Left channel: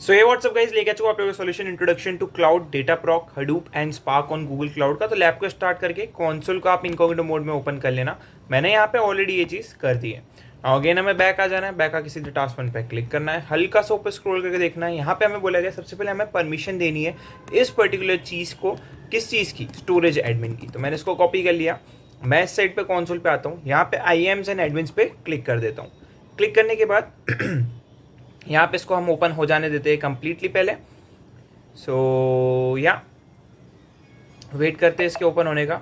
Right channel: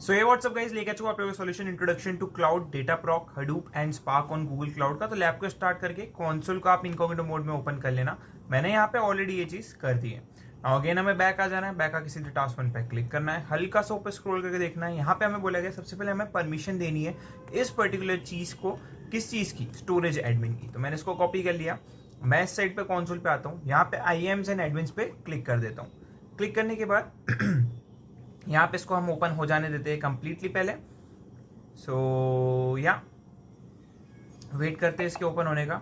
सो ये WhatsApp guys, लेके आ चुका आप लोगों को solution introduction to cloud, Dataproc, Hadoop and Spark on Google Cloud का। तो लैब को स्टार्ट करके कंसोल को आप इनकॉग्निटो मोड में ओपन कर लेना। मैंने यहाँ पे ऑलरेडी ये चीज़ कर दी है। अगेन हमें बैक आ जाना है, बैक आके सीधे टास्क 1 पे क्लिक करना है, हल्का सा ऊपर स्क्रॉल करके देखना है। यहाँ पे हमें बोला गया सबसे पहले हमें परमिशन देनी है इस पर्टिकुलर चीज़ को, किस चीज़ की, स्टोरेज एडमिन की। तो मैंने इसको कॉपी कर लिया। मैं इस साइड पे कंसोल पे आता हूँ, यहाँ पे IAMs एंड एडमिन्स पे क्लिक कर देता हूँ। क्लिक करने के बाद यहाँ पे इसको हम ओपन हो जाने देते हैं कंप्लीटली पहले। सो या वेट करते हैं इसके ओपन होने का।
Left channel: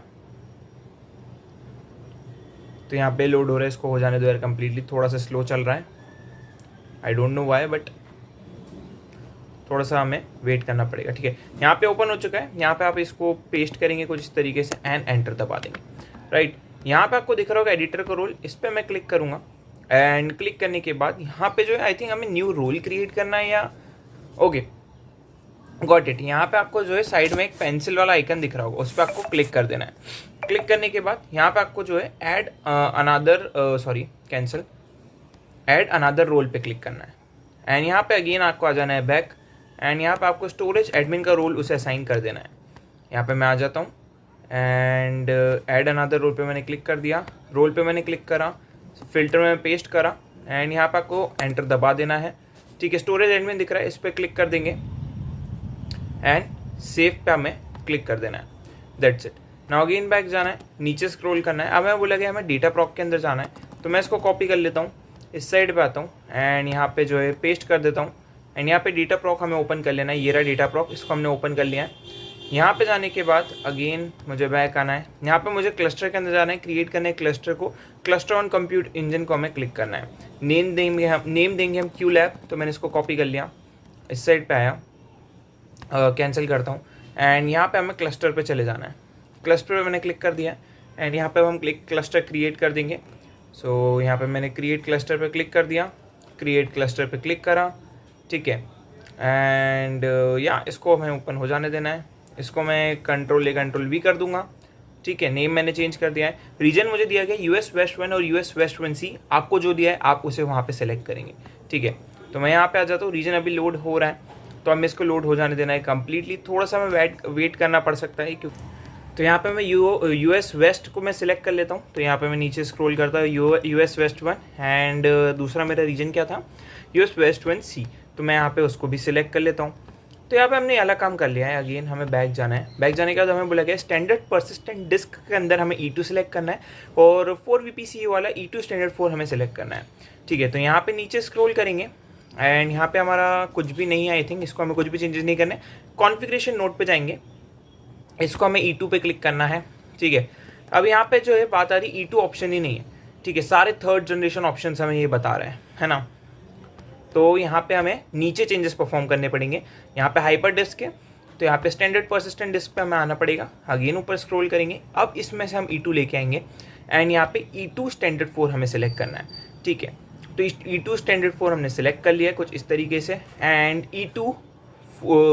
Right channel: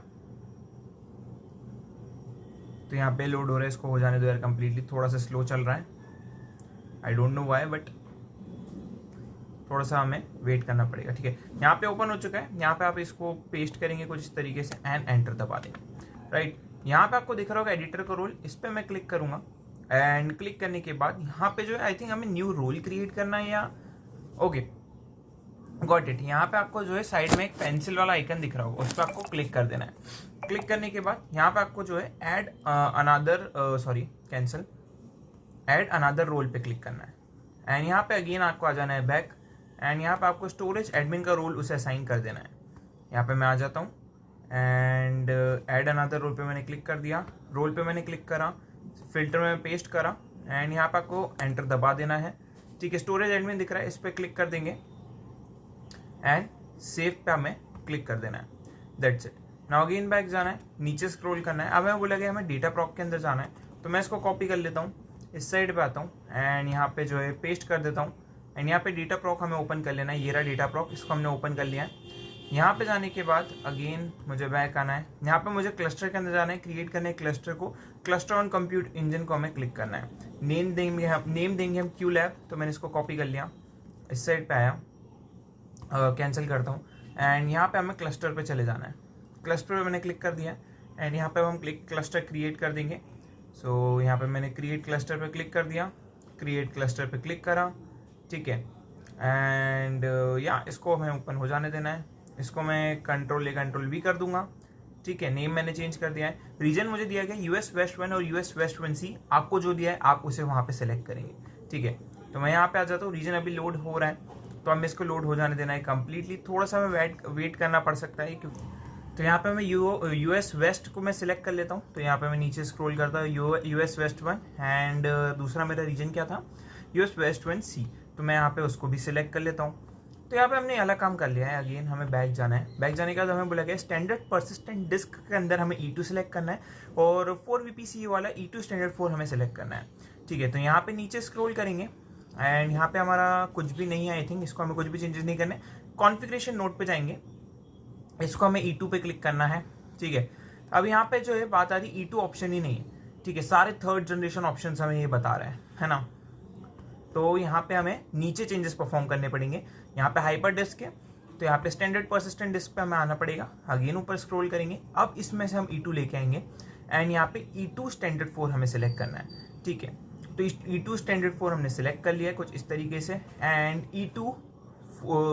तो यहाँ पे लोड हो रहा है, इसको हो जाने दो यार कंप्लीटली। थोड़ा सा स्लो चल रहा है, I don't know why, but थोड़ा सा हमें वेट करना पड़ेगा। ठीक है, यहाँ पे ओपन हो चुका है। यहाँ पे आप इसको पेस्ट करेंगे कुछ इस तरीके से एंड एंटर दबा देंगे। राइट, यहाँ पे आपको दिख रहा होगा एडिटर का रोल, इस पर मैं क्लिक करूँगा। एंड क्लिक करने के बाद यहाँ पे जो है आई थिंक हमें न्यू रोल क्रिएट करना है या ओके गॉट इट। यहाँ पे आपको जो है साइड में एक पेंसिल वाला आइकन दिख रहा होगा, उस पर आपको क्लिक कर देना है। क्लिक करने के बाद यहाँ पे आपको जो है ऐड अनदर रोल पे क्लिक करना है। एंड यहाँ पे अगेन आपको आ जाना है बैक। एंड यहाँ पे आपको स्टोरेज एडमिन का रोल उसे असाइन कर देना है। यहाँ पे मैं आ जाता हूँ एंड ऐड अनदर रोल पे मैंने क्लिक कर दिया। रोल पे मैंने क्लिक करा, फिल्टर में पेस्ट करा एंड यहाँ पे आपको एंटर दबा देना है। ठीक है, स्टोरेज एडमिन दिख रहा है, इस पर क्लिक कर देंगे एंड सेव पे हमें क्लिक कर देना है। That's it. Now again back जाना है, नीचे स्क्रॉल करना है। अब हमें बोला गया हमें डेटाप्रॉक के अंदर जाना है, तो मैं इसको कॉपी कर लेता हूँ, इस साइड पे आता हूँ एंड यहाँ पे जो है पेस्ट कर देता हूँ। एंड यहाँ पे डेटाप्रॉक हमें ओपन कर लेना है। ये रहा डेटाप्रॉक, इसको हमने ओपन कर लिया है। यहाँ पे जाने के बाद अगेन मुझे बैक आना है। यहाँ पे मुझे क्लस्टर के अंदर जाना है, क्रिएट करना है क्लस्टर को। क्लस्टर ऑन कंप्यूट इंजन को हमें क्लिक करना है। नेम देंगे हम क्यू लैब। तो मैंने इसको कॉपी कर लिया, इस साइड पे आया, कैंसिल करता हूँ एंड यहाँ पे हमें क्लस्टर पे चले जाना है। क्लस्टर पे मैंने क्लिक कर दिया एंड यहाँ पे हम क्लस्टर क्रिएट कर देंगे। सो यहाँ पे मैंने क्रिएट क्लस्टर पे क्लिक कर दिया, क्रिएट क्लस्टर पे क्लिक करा। ठीक है, एंड या इसको हमें ओपन हो जाने देना है। इसको मैं कंट्रोल V कर दूंगा। ठीक है, नेम मैंने चेंज कर दिया है। रीजन मुझे दिया गया US West 1 और US West 1C। आपको जो दिया है आप उसे वहाँ पे सेलेक्ट करेंगे। ठीक है, तो मैं यहाँ पे आ जाता हूँ। रीजन अभी लोड हो रहा है, तो हमें इसको लोड हो जाने देना है कम्प्लीटली। थोड़ा सा हमें वेट करना पड़ सकता है क्योंकि तो यहाँ पे मैं US वेस्ट को मैं सिलेक्ट कर लेता हूँ। तो यहाँ पे मैं नीचे स्क्रॉल करता हूँ, US West 1 एंड दूसरा मेरा रीजन क्या था, US West 1C। तो मैं यहाँ पे उसको भी सिलेक्ट कर लेता हूँ। तो यहाँ पे हमने अलग काम कर लिया है। अगेन हमें बैक जाना है। बैक जाने के बाद हमें बोला गया स्टैंडर्ड परसिस्टेंट डिस्क के अंदर हमें E2 सेलेक्ट करना है और 4VPC वाला E2 स्टैंडर्ड 4 हमें सेलेक्ट करना है। ठीक है, तो यहाँ पे नीचे स्क्रॉल करेंगे एंड यहाँ पे हमारा कुछ भी नहीं है, आई थिंक इसको हमें कुछ भी चेंजेस नहीं करने। कॉन्फ़िगरेशन नोट पे जाएंगे, इसको हमें E2 पे क्लिक करना है। ठीक है, अब यहाँ पे जो है बात आ रही E2 ऑप्शन ही नहीं है। ठीक है, सारे थर्ड जनरेशन ऑप्शन हमें ये बता रहे हैं, है ना। तो यहाँ पे हमें नीचे चेंजेस परफॉर्म करने पड़ेंगे। यहाँ पे हाइपर डिस्क है, तो यहाँ पे स्टैंडर्ड परसिस्टेंट डिस्क पे हमें आना पड़ेगा। अगेन ऊपर स्क्रॉल करेंगे, अब इसमें से हम E2 लेके आएंगे एंड यहाँ पे E2 स्टैंडर्ड 4 हमें सेलेक्ट करना है। ठीक है, तो E2 स्टैंडर्ड 4 हमने सेलेक्ट कर लिया है कुछ इस तरीके से। And E2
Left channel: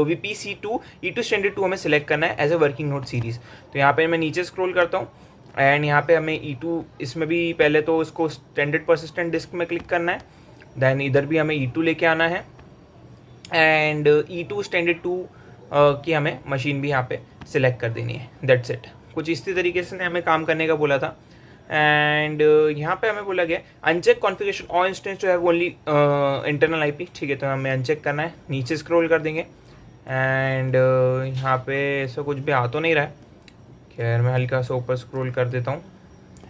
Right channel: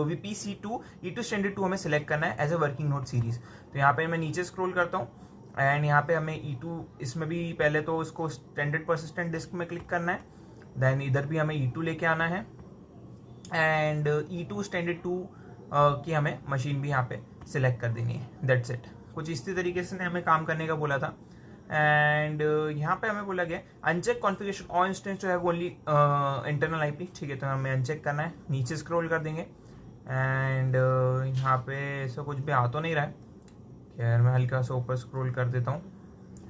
VPC2 E2 standard 2 हमें सेलेक्ट करना है as a working note series. तो यहाँ पे मैं नीचे स्क्रॉल करता हूँ एंड यहाँ पे हमें E2, इसमें भी पहले तो इसको स्टैंडर्ड परसिस्टेंट डिस्क में क्लिक करना है, देन इधर भी हमें E2 लेके आना है एंड E2 स्टैंडर्ड 2 की हमें मशीन भी यहाँ पे सिलेक्ट कर देनी है। That's it. कुछ इसी तरीके से हमें काम करने का बोला था। एंड यहाँ पे हमें बोला गया uncheck configuration all instance to have only internal IP। ठीक है, तो हमें अनचेक करना है। नीचे स्क्रॉल कर देंगे एंड यहाँ पे ऐसा कुछ भी आ तो नहीं रहा है। खैर मैं हल्का सा ऊपर स्क्रॉल कर देता हूँ,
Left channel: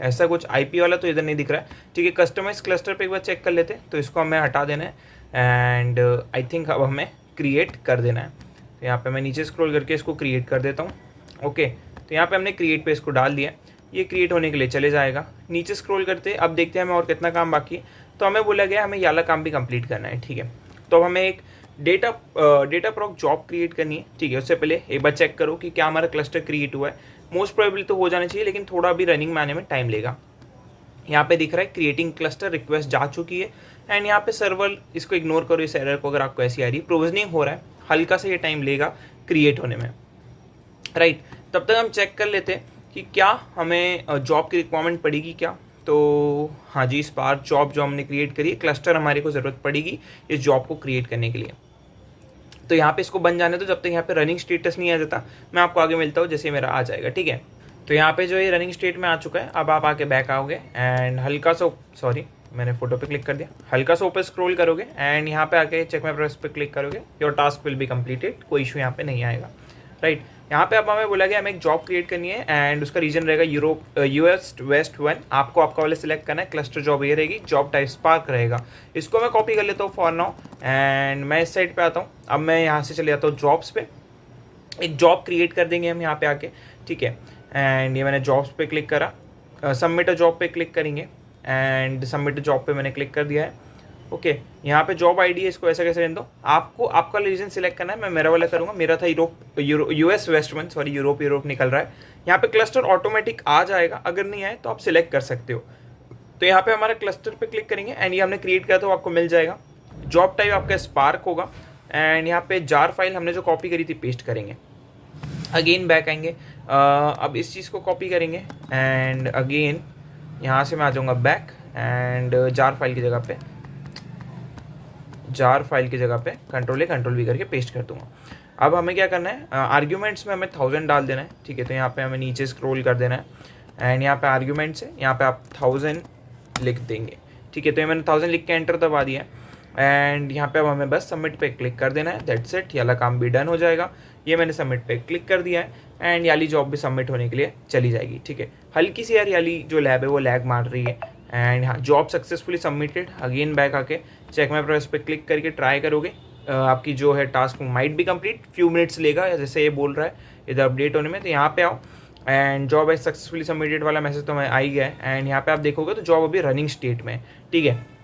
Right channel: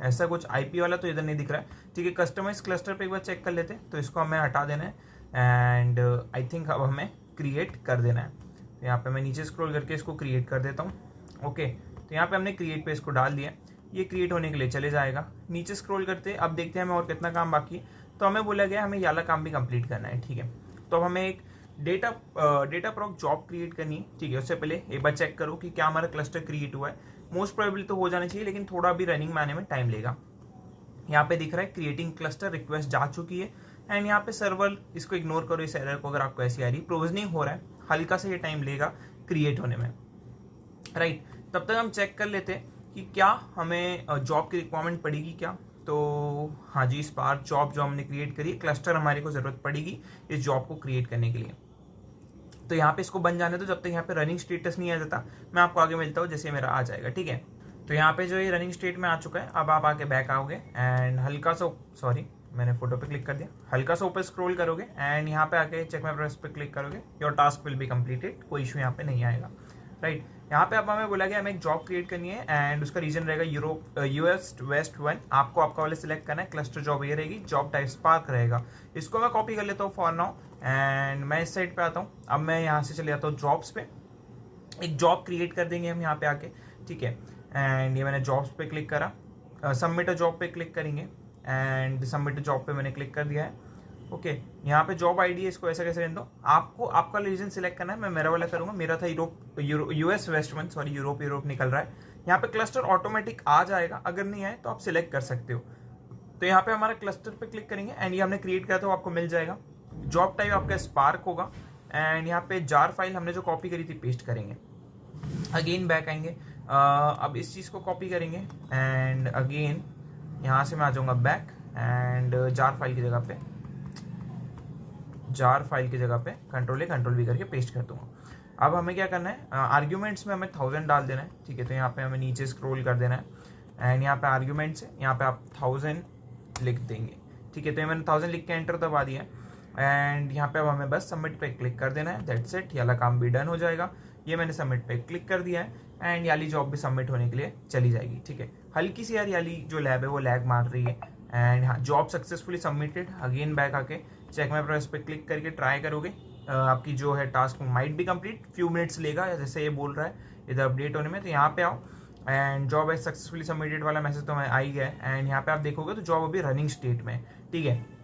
ऐसा कुछ IP वाला तो इधर नहीं दिख रहा है। ठीक है, कस्टमाइज क्लस्टर पे एक बार चेक कर लेते हैं, तो इसको हमें हटा देना है एंड आई थिंक अब हमें क्रिएट कर देना है। तो यहाँ पे मैं नीचे स्क्रॉल करके इसको क्रिएट कर देता हूँ। ओके, तो यहाँ पे हमने क्रिएट पे इसको डाल दिया, ये क्रिएट होने के लिए चले जाएगा। नीचे स्क्रॉल करते अब देखते हैं हमें और कितना काम बाकी है। तो हमें बोला गया हमें ये वाला काम भी कंप्लीट करना है। ठीक है, तो हमें एक डेटाप्रॉक जॉब क्रिएट करनी है। ठीक है, उससे पहले एक बार चेक करो कि क्या हमारा क्लस्टर क्रिएट हुआ है। मोस्ट प्रोबेबली तो हो जाना चाहिए, लेकिन थोड़ा भी रनिंग में आने में टाइम लेगा। यहाँ पे दिख रहा है क्रिएटिंग क्लस्टर रिक्वेस्ट जा चुकी है एंड यहाँ पे सर्वर, इसको इग्नोर करो इस एरर को अगर आपको ऐसी आ रही है। प्रोविजनिंग हो रहा है, हल्का सा ये टाइम लेगा क्रिएट होने में। राइट, तब तक हम चेक कर लेते हैं कि क्या हमें जॉब की रिक्वायरमेंट पड़ेगी क्या। तो हाँ जी, स्पार्क जॉब जो हमने क्रिएट करी है, क्लस्टर हमारे को ज़रूरत पड़ेगी इस जॉब को क्रिएट करने के लिए। तो यहाँ पे इसको बन जाने दो जब तक यहाँ पे रनिंग स्टेटस नहीं आ जाता। मैं आपको आगे मिलता हूँ जैसे मेरा आ जाएगा, ठीक है। तो यहाँ पे जो ये रनिंग स्टेट में आ चुका है, अब आप आके बैक आओगे एंड हल्का सा, सॉरी मैंने फोटो पे क्लिक कर दिया, हल्का सा ऊपर स्क्रॉल करोगे एंड यहाँ पे आके चेक माय प्रोग्रेस पे क्लिक करोगे, your task will be completed, कोई इशू यहाँ पे नहीं आएगा, राइट। यहाँ पे अब हमें बोला गया हमें एक जॉब क्रिएट करनी है एंड उसका रीजन रहेगा यूरोप US वेस्ट 1। आपको आपका वाले सिलेक्ट करना है, क्लस्टर जॉब ये रहेगी, जॉब टाइप स्पार्क रहेगा। इसको मैं कॉपी कर लेता हूँ फॉर नाउ एंड मैं इस साइड पे आता हूँ। अब मैं यहाँ से चले जाता हूँ जॉब्स पे, एक जॉब क्रिएट कर देंगे हम यहाँ पे आके, ठीक है। एंड ये मैंने जॉब्स पे क्लिक करा, सबमिट अ जॉब पे क्लिक करेंगे एंड सबमिट जॉब पे मैंने क्लिक कर दिया है, ओके। यहाँ पे जॉब आईडी है, इसको ऐसा कैसे रहने दो, आपको आपका रीजन सिलेक्ट करना है। मैं मेरा वाला करूँगा, मेरा था US वेस्ट 1, सॉरी यूरोप निकल रहा है। यहाँ पे क्लस्टर ऑटोमेटिक आ जाएगा, अगर नहीं आए तो आप सिलेक्ट कर सकते हो। तो यहाँ पे हमारा क्लस्टर पे क्लिक करेंगे एंड ये हमने क्रिएट किया तो आपको मिल जाएगा। जॉब टाइप आपका स्पार्क होगा एंड यहाँ पे जार फाइल हमने जो कॉपी करी थी पेस्ट करेंगे। अगेन बैक आएंगे, अब इस चीज़ को कॉपी करेंगे एंड अगेन यहाँ से मैं आ जाऊँगा बैक एंड जार फाइल की जगह पे कंट्रोल V करके पेस्ट कर दूंगा। अब हमें क्या करना है, आर्ग्यूमेंट्स में हमें 1000 डाल देना है, ठीक है। तो यहाँ पे हमें नीचे स्क्रॉल कर देना है एंड यहाँ पे आर्ग्यूमेंट्स है, यहाँ पे आप 1000 लिख देंगे, ठीक है। तो ये मैंने 1000 लिख के एंटर दबा दिया है एंड यहाँ पे अब हमें बस सबमिट पे क्लिक कर देना है, दैट्स इट। ये वाला काम भी डन हो जाएगा। ये मैंने सबमिट पे क्लिक कर दिया है एंड याली जॉब भी सबमिट होने के लिए चली जाएगी, ठीक है। हल्की सी यार याली जो लैब है वो लैग मार रही है एंड हाँ, job successfully submitted. Again back आके चेक माय प्रोग्रेस पे क्लिक करके ट्राई करोगे, आपकी जो है टास्क माइट भी कंप्लीट, फ्यू मिनट्स लेगा या जैसे ये बोल रहा है इधर अपडेट होने में। तो यहाँ पे आओ एंड जॉब है सक्सेसफुली सबमिटेड वाला मैसेज तो मैं आ ही गया है एंड यहाँ पे आप देखोगे तो जॉब अभी रनिंग स्टेट में है, ठीक है।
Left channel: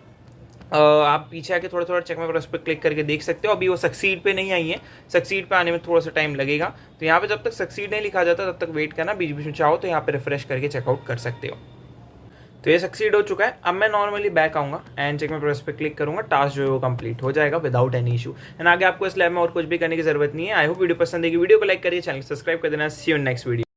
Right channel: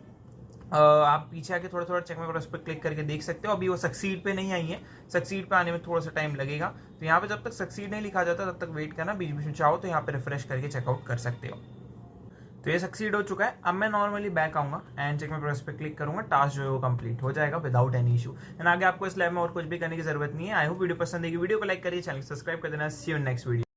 आप पीछे आके थोड़ा चेक माय प्रोग्रेस पे क्लिक करके देख सकते हो, अभी वो सक्सीड पे नहीं आई है, सक्सीड पे आने में थोड़ा सा टाइम लगेगा। तो यहाँ पे जब तक सक्सीड नहीं लिखा जाता तब तक वेट करना, बीच बीच में चाहो तो यहाँ पे रिफ्रेश करके चेकआउट कर सकते हो। तो ये सक्सीड हो चुका है। अब मैं नॉर्मली बैक आऊँगा एंड चेक माय प्रोग्रेस पे क्लिक करूँगा, टास्क जो है वो कंप्लीट हो जाएगा विदाउट एनी इशू एंड आगे आपको इस लैब में और कुछ भी करने की जरूरत नहीं है। आई होप वीडियो पसंद है, वीडियो को लाइक करिए, चैनल सब्सक्राइब कर देना। सी यू इन नेक्स्ट वीडियो।